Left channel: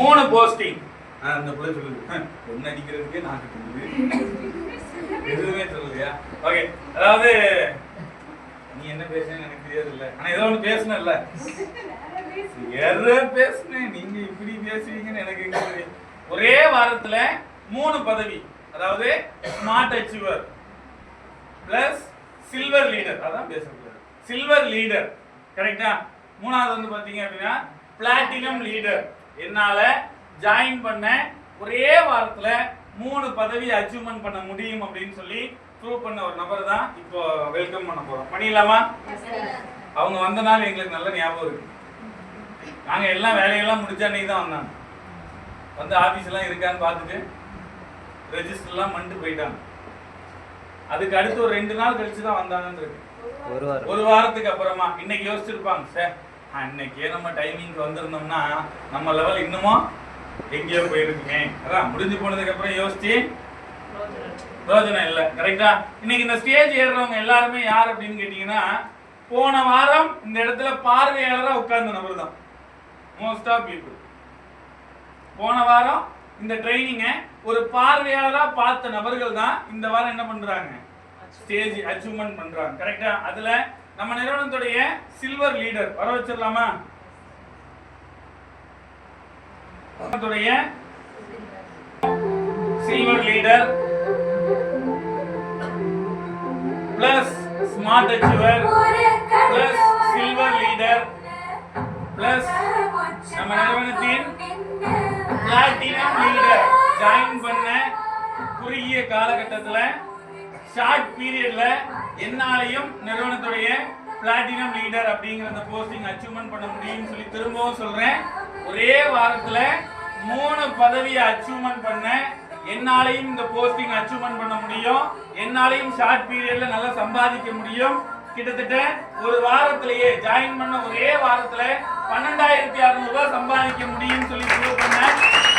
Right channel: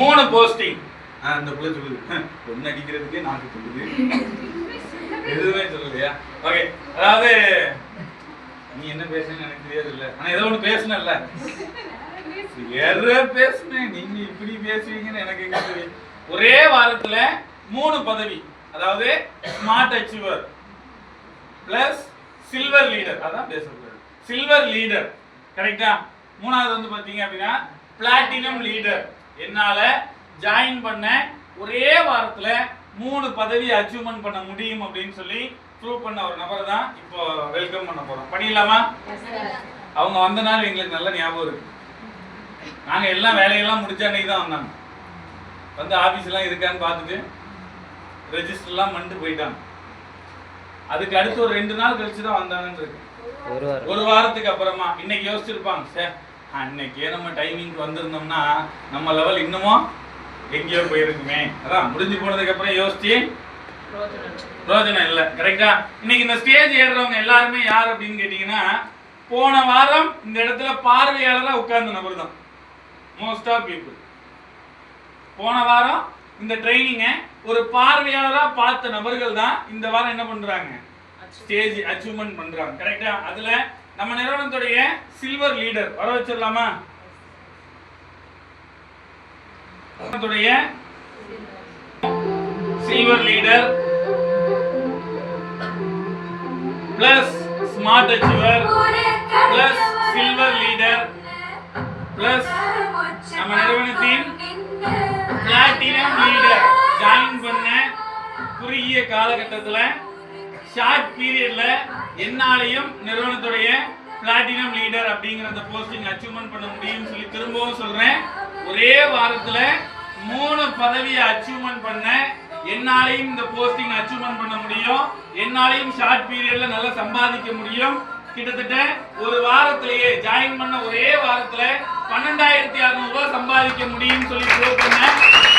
மூணு போஸ்டிங். அந்த பிள்ளை சொல்லுது பொண்ணு அடிக்கிறதுக்கே நாக்கு சொல்லுது, எதுவுமே சொல்லலையா? ஓகே, அதாவது நீ என்ன பேசுன்னு எனக்கு தெரியாது இல்ல, ஆனா ஏதோ ஒண்ணு பேசுனல்ல, பேசுனேன். நீங்க இப்படி பேசுவீங்கன்னு எனக்கு எங்க தெரியும். ஒரே வாரத்துல 3 பதவி, அதாவது smart achiever plus silver leader. அதான் பேசக்கூடாது, சில்வர் லீடர் கரெக்டா. மூணாவது வந்து பாத்தீங்க அப்படின்னா பிளாட்டினம் லீடர். என்னால ஜாயின் பண்ண ஒரே வாரத்துல 3 பதவி அச்சீவ்மெண்ட் பண்ண முடியும் அப்படின்னு சொல்லி ப்ரூவ் பண்ண ஒரு நபர் தான் இப்போ வெல்கம் பண்ண போறோம். பண்ணிடலாமா? அவங்க வந்த நாள் எங்களுக்கு நல்ல ஞாபகம் இருக்கு. நாங்க எல்லாம் வேலையெல்லாம் முடிச்ச அன்னைக்கு தான் வந்தாங்க. வந்து ஆபீஸ் எல்லாம் இருக்கான்னு பார்த்துட்டு ரெஜிஸ்டர் எல்லாம் பண்ணிட்டு போயிட்டாங்க. அதுக்கு அடுத்து ஒரு 2 நாள் கழிச்சு தான் வந்தாங்கன்னு இருக்கு. ஒரு வாரத்துக்கு அப்புறமா இன்னைக்கு யோசிச்சிருப்பாங்க, சார் அன்னைக்கே நம்ம டைமிங்க்கு வந்திருந்தோம்னா நம்ம லெவல் இன்னமும் எங்கேயோ போயிருக்குமே. அதான் முடிஞ்சு போனதுக்கு அப்புறம் யோசிச்சு ரோஜனம் இல்லை. கரெக்டா? இன்னைக்கு இந்த ஸ்டேஜ் ஏறுறவங்க எல்லாருமே யார் அப்படின்னு கேட்டீங்கன்னா, போன வாரம் இந்த இடத்துல பார்வையாளராக உட்கார்ந்த நபர் தான். மோஸ்ட் ஆஃப் பீப்புள் போன வாரம் இந்த ட்ரைனிங்க ஒரு பார்வையாளரா பார்த்த நபர்கள் தான் இந்த வாரம் என்ன பண்றாங்க, ஸ்டேஜ் அச்சீவ்மெண்ட் பண்றாங்க. கரெக்டா? அதுல நம்ம நிறுவனத்துடைய சில்வர் லீடர் வர வச்சிடலாமா? Silver leader plus smart achiever plus silver leader plus நம்ம நிறுவனத்தின் பிளாட்டினம் லீடர் ஜாயின் பண்ண குறுகிய காலகட்டத்தில் ஷார்ட் பீரியட்ல என்னாலையும் நிறுவனத்துடைய பிளாட்டினம் லீடர் அப்படிங்கிற அந்த போஸ்டிங் அச்சீவ்மெண்ட் பண்ண முடியும்னு சொல்லி திரும்பவும் சொல்றேன். ஒரே வாரத்துல 3 பதவியை அச்சீவ்மெண்ட் பண்ண என்னாலையும் இந்த போஸ்டிங் அச்சீவ்மெண்ட் பண்ண முடியும். என்னாலையும் ஷார்ட் பீரியட்ல நல்லா சம்பாதிக்க முடியும். கிட்டத்தட்ட ஒரு வாரத்திலேயே ஜாயின் பண்ண ஒரே வாரத்துல 12,600 ரூபாய் சம்பாதிக்க முடியும்னு சொல்லி ப்ரூவ் பண்ண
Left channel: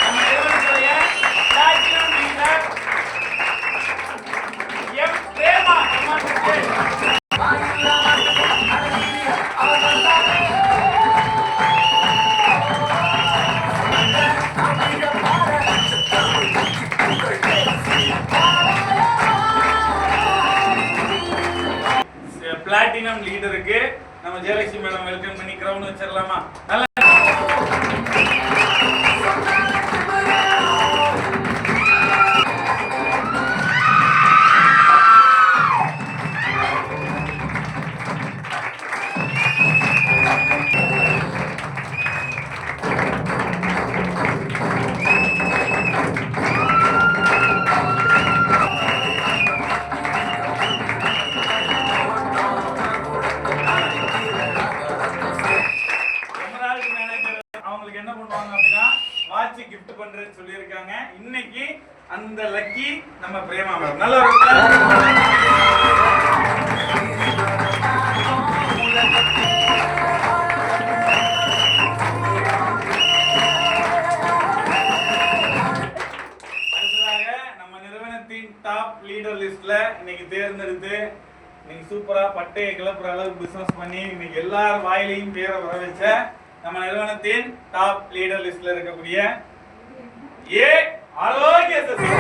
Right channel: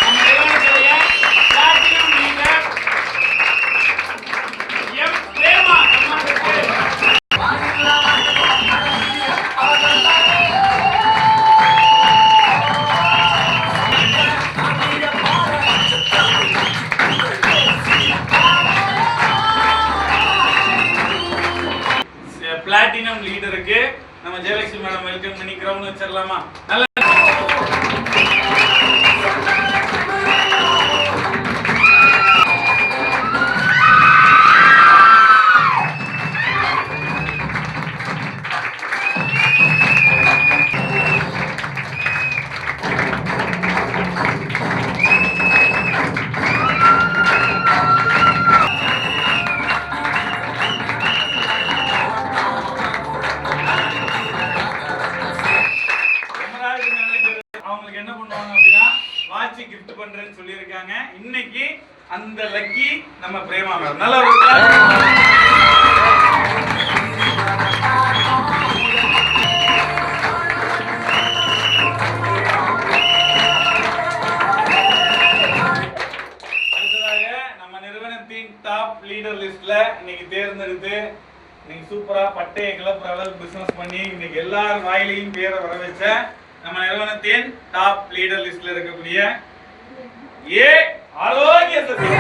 நம்ம நிறுவனத்துடைய platinum leader M Prema. Platinum லீடருக்கு நம்ம ஜெயலட்சுமி மேடம் வெல்கம் பண்ணி கிரவுண்ட் வச்சிடலாமா? நல்ல கிஃப்ட் பண்றேன்னு சொல்லியிருக்காங்க. இன்னைக்கு அந்த லக்கி நம்ம பிரேமா மேடம். நல்ல ஒரு அடுத்ததாக நம்ம நிறுவனத்தின் டாப் லீடர் லிஸ்ட்ல இன்னைக்கு தேர்ந்தெடுத்து இன்னைக்கு சூப்பரா பட்டையை கிளப்புற அளவுக்கு பிசினஸ் பண்ணி இன்னைக்கு எல்லார் வாயிலையும் பேரை வர வச்ச நம்ம நிறுவனத்தின் டாப் லீடர் லிஸ்ட்ல இருக்கக்கூடிய ये आरोग्य सचिव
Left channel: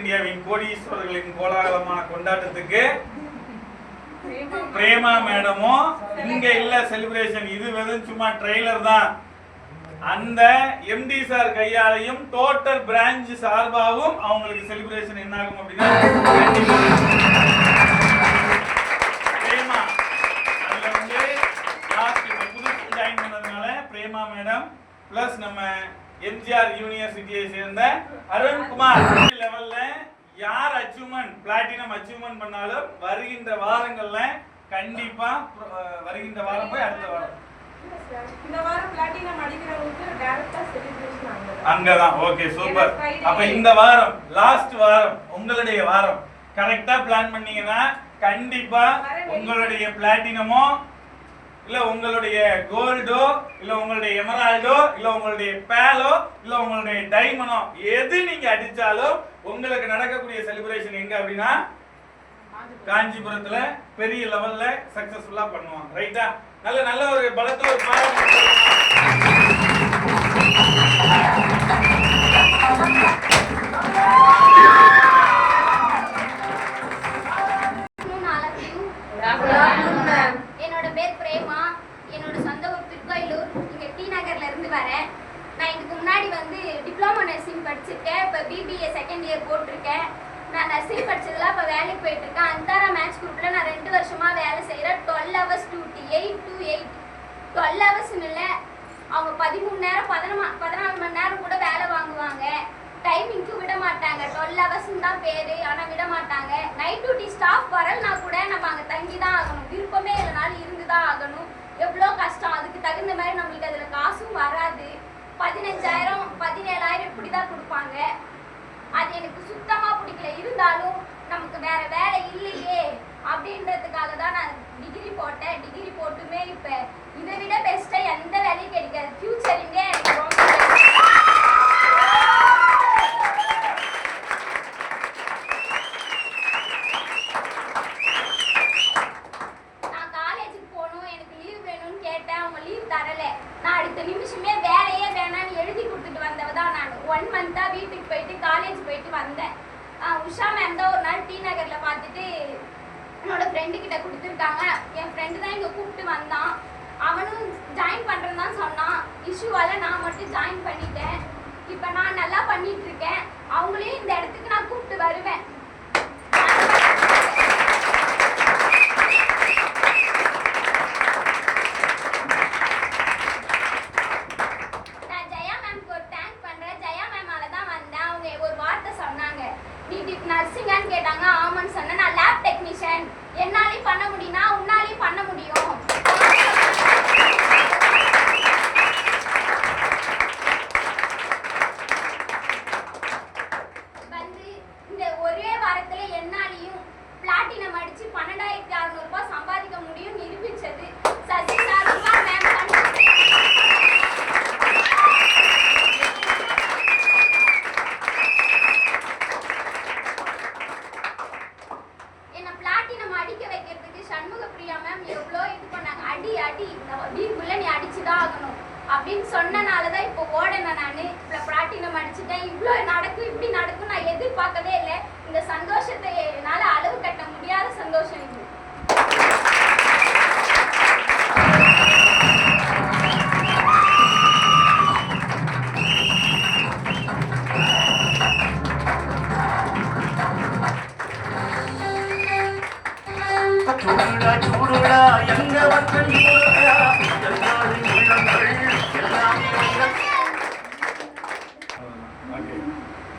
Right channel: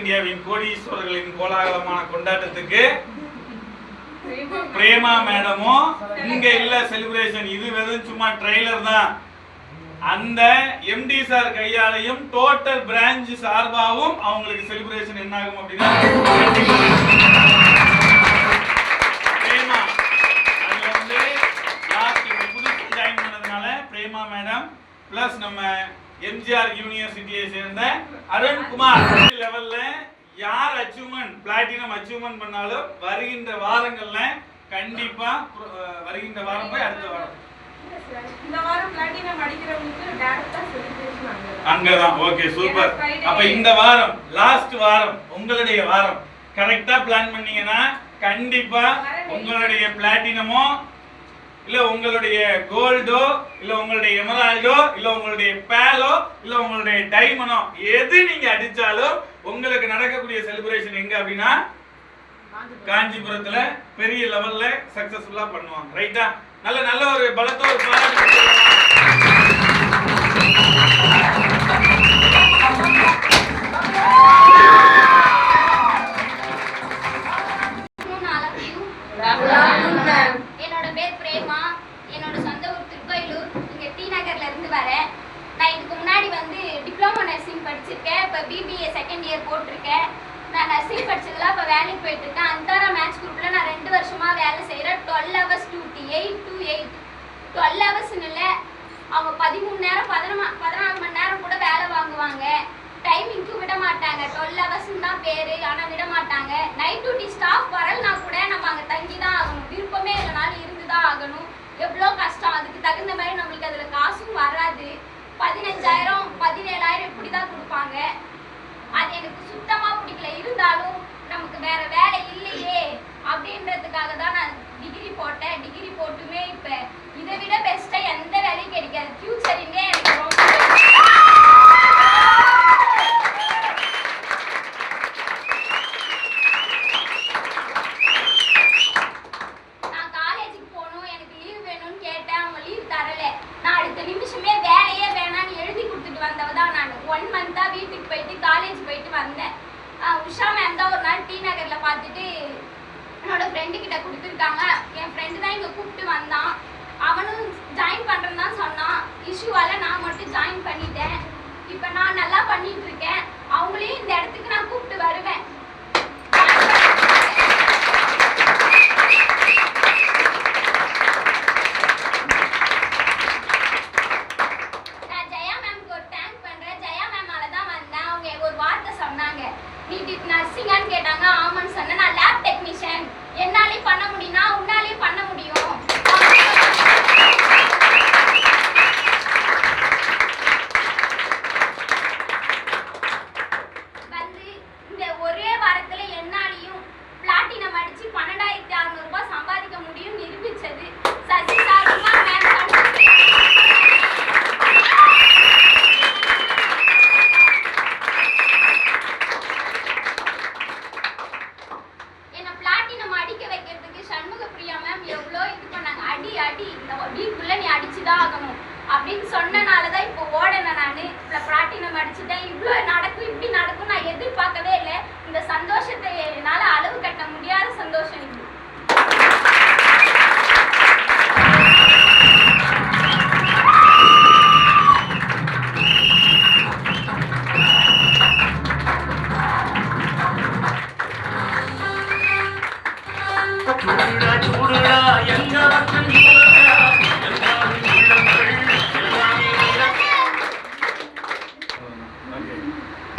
இந்தியாவின் கோடீஸ்வரர்களின் கோலாகலமான கொண்டாட்டத்துக்கு பிரேமா மேடமும் இங்க இல்ல செலிப்ரேஷன். இது வெறும் சும்மா ட்ரெய்லர் தான். அந்த எம்டி சார் கையாலையும் டோட்டல் பிரான்ச் சார்பாகவும் அவங்களுக்கு செலிப்ரேஷன் என்ன ஆகும் அப்படின்னா பிரேமா அதுல வந்து லாஸ்ட் புதுசு ஜாயின் பண்ணதுனால பிரேமா மேடம் பிளஸ் நம்ம எம்ஜிஆர் யூனிவர்சிட்டியை சேர்ந்த அருண்குமார் லெவல்ல யார் அச்சீவ்மெண்ட் பிளாட்டினம் அச்சீவ்மெண்ட் பண்ணாலும் வருகின்ற வாரங்கள்ல கண்டிப்பா வருகின்ற வாரம் போய் அடுத்த வாரம் இந்த வாரம் பிளாட்டினம் அடிக்கிறவங்களுக்கு டைரக்டா செலிப்ரேஷன் அங்கதான். Okay, super. அப்ப இந்த வாரம் லாஸ்ட் வாரம் உங்களுடைய வாரம் கரெக்டா பிளான் பண்ணீங்கன்னா கண்டிப்பா உங்களுடைய பிளாட்டினமோ இல்ல உங்களுடைய கோல்டோ இல்ல உங்களுடைய எமரால்டோ இல்ல உங்களுடைய பேலோ இல்ல உங்களுடைய டைமண்டோ எது நீங்க அடிச்சாலும் உங்களுக்கு நடக்கக்கூடிய செலிப்ரேஷன் எங்க அப்படின்னா காஞ்சிபுரத்துல பெரிய லெவல்ல சக்சஸ்ஃபுல்லா பண்ணுவாங்க. ரைட்டா? நல்ல ஒரு பலத்தோட என்னோட பேர் பிரேமா. என்னோட சொந்த ஊர் திருக்கோயிலூர். இங்க டி நகர்ல இருந்து வரேன். நான் இதுக்கு முன்னாடி டிப்ளமோ நர்சிங் படிச்சிருக்கேன். இப்போ பிபிஏ செகண்ட் இயர் போட்டிருக்கேன். நான் நர்சிங் படிச்சதுல இப்போ வேலைக்கு போயிட்டு இருக்கேன். அந்தாரா மேட்ச் குரூப்ல நான் 2 வருஷமா வேலை செய்யறேன். 12 hours டியூட்டி, 8 to 8. 12 hours இல்லை, அவங்க 13 நேரம் 14 மணி நேரம் கூட வேலை வாங்குவாங்க. டைமிங்க்கும் விட மாட்டாங்க. 12 hours தான் பேரு, ஆனா விட மாட்டாங்க. நைட் டியூட்டி ஸ்டாஃப் வரலனா கூட நம்ம அங்க தங்கி தான் ஆகணும். விருப்பமே இல்லைனாலும் இருந்துதான் ஆகணும். எவ்வளோ கஷ்டம். அதுக்கு தகுந்த மாதிரி நம்மளுக்கு அதுல காசும் வராது. 15,000 17,000 இப்படிதான் கொடுப்பாங்க. அது எனக்கு சுத்தமா பிடிக்கல. இருந்தாலும் நமக்கு வேற வேலை இல்லையே அப்படின்றதுக்காக தான் நான் டிகிரி போட்டேன். டிகிரி போட்டுமே இப்ப இதை விட பெஸ்டா எந்த வேலையும் கிடைக்காது. ஃபியூச்சரிங்கே எனக்கு ரொம்ப நிமிஷமே வேலையே வேணான்னு எழுதி கொடுத்துட்டு வந்தவ தான் நான். 1 month வீட்டுக்கு போயிட்டு காலேஜ் போயிட்டு வந்தேன். உஷா மேம் தான் ஒரு நாள் டி நகர்ல பார்த்துட்டு என்னோட ஃப்ரெண்டு கிட்ட கொடுத்துருக்காங்க. என் ஃப்ரெண்டு தான் இங்கே கூப்பிட்டு வந்தான். அவனும் ஜாயின் பண்ணுறேன்னு தான் சொன்னான். இஷ்யூவால நான் மட்டும் ஜாயின் பண்ணிட்டேன். இப்போ நான் நல்லா பண்ணிட்டு இருக்கேன். அவங்களையும் இந்த இடத்துக்கு நான் கூப்பிட்டு வருவேன். நர்சிங்கான்னு கேட்டாங்க. ஆமான்னு சொன்னேன். நான் லேப் டெக்னீஷியன். என்னாலையும் பண்ண முடியும்னா உன்னாலையும் பண்ண முடியும். இந்த ஒரே வாரத்துல என்னாலையும் பிளாட்டினம் அடிச்சு 12,600 ரூபாய் சம்பாதிக்க முடியும் நிரூபிச்சது சசி சாருமா மேம். அப்படின்னு சொன்னனாலதான் இப்போ ஓடனே நானு பிளாட்டினம் அடிச்சுட்டேன். இவ்வளோ நடக்கும் இப்படி நடக்கும் நான் எதிர்பார்க்கவே இல்லை. இந்த சந்தோஷத்தை என்னால அளவு கட்ட முடியாத சந்தோஷம் இது.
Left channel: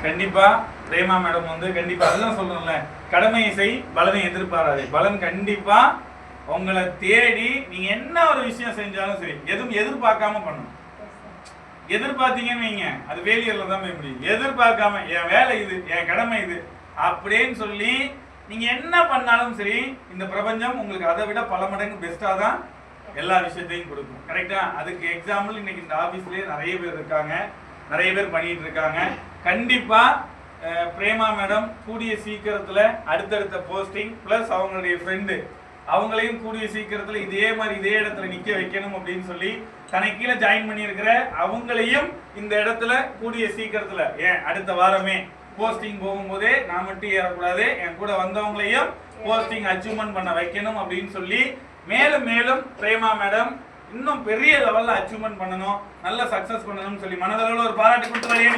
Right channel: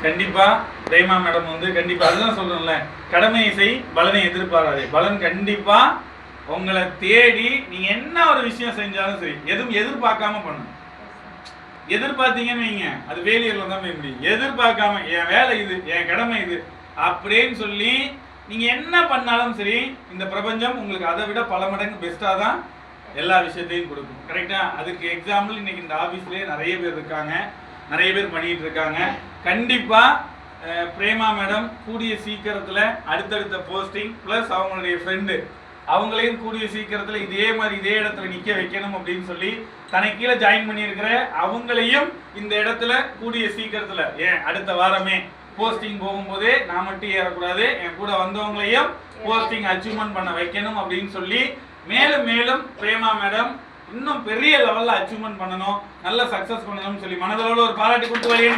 கண்டிப்பா பிரேமா மேடம் கண்டிப்பா அதுதான் சொல்றேன்ல, கடமை செய் பலனை எதிர்பாராதே. பலன் கண்டிப்பா உங்களை தேடி நீங்க என்ன ஒரு விஷயம் செஞ்சாலும் சரி எதுவும் எதிர்பார்க்காம பண்ணணும். எதிர்பார்த்தீங்கன்னு வைங்க அது ஃபெயிலியர்ல தான் போய் முடியும். எதிர்பார்க்காம என் வேலை இது, என் கடமை இது அப்படின்னு சொல்லி நீங்க என்ன பண்ணாலும் சரி இந்த பிரபஞ்சம் உங்களுக்கு அதை விட பல மடங்கு பெஸ்டா தான் எல்லா விஷயத்தையும் கொடுக்கும். கரெக்டா? அதுக்கு எக்ஸாம்பிள் இன்னைக்கு இந்த ஆபீஸ்லயே நிறைய பேர் இருக்காங்க, நிறைய பேர் பண்ணிட்டு இருக்காங்க. கண்டிப்பா பிரேமா மேடம் கூடிய சீக்கிரத்துல அடுத்தடுத்த போஸ்டிங் பிளஸ் அவங்களுடைய ஃப்ரெண்டு அவங்களையும் கூடிய சீக்கிரத்துல இதே மாதிரி இதே இடத்துல நிக்க வைக்கணும் அப்படின்னு சொல்லி தனக்கு கீழே ஜாயின் பண்ணியிருக்கிற அவங்களையும் இந்த இடத்துல கூடிய சீக்கிரத்துல அடுத்த வாரமே போஸ்டிங் போகும்போதே நான் மட்டும் ஏறக்கூடாது, என் கூட வந்தவங்களையும் போஸ்டிங் அச்சீவ்மெண்ட் பண்ண வைக்கணும் அப்படின்னு சொல்லி மேலும் மேலும் பிரேமா மேடம் இன்னும் பெரிய லெவல்ல அச்சீவ்மெண்ட் பண்ணணும், நல்ல சக்சஸ் பண்ணணும்னு சொல்லி மனதளவுல ஒரு பாராட்டு கொடுத்து வைங்க.